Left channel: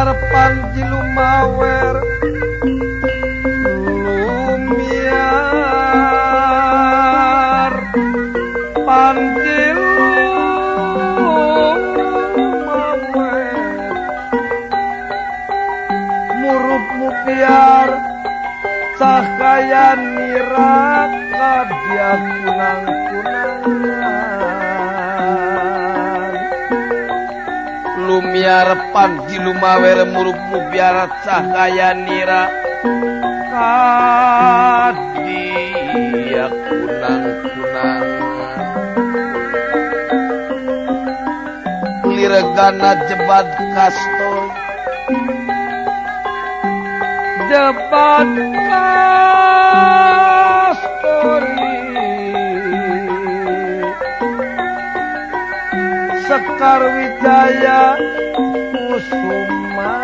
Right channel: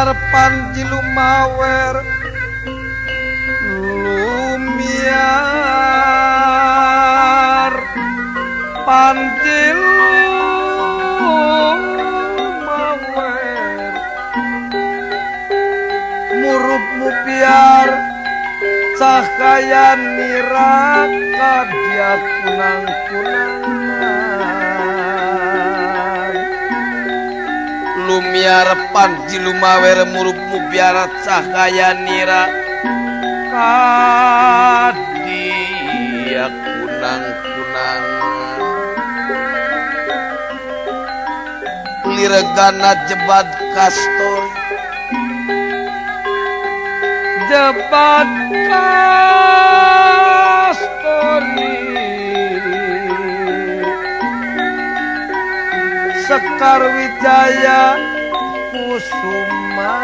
lumiar panji lumawer lumiar panji lumawer murupmu biar cahaya niraka dia kunang-kunangan lumiar panji lumawer murupmu biar cahaya niraka dia kunang-kunangan liregana jebat kastor jebat kastori Sekar Wijaya Kusuma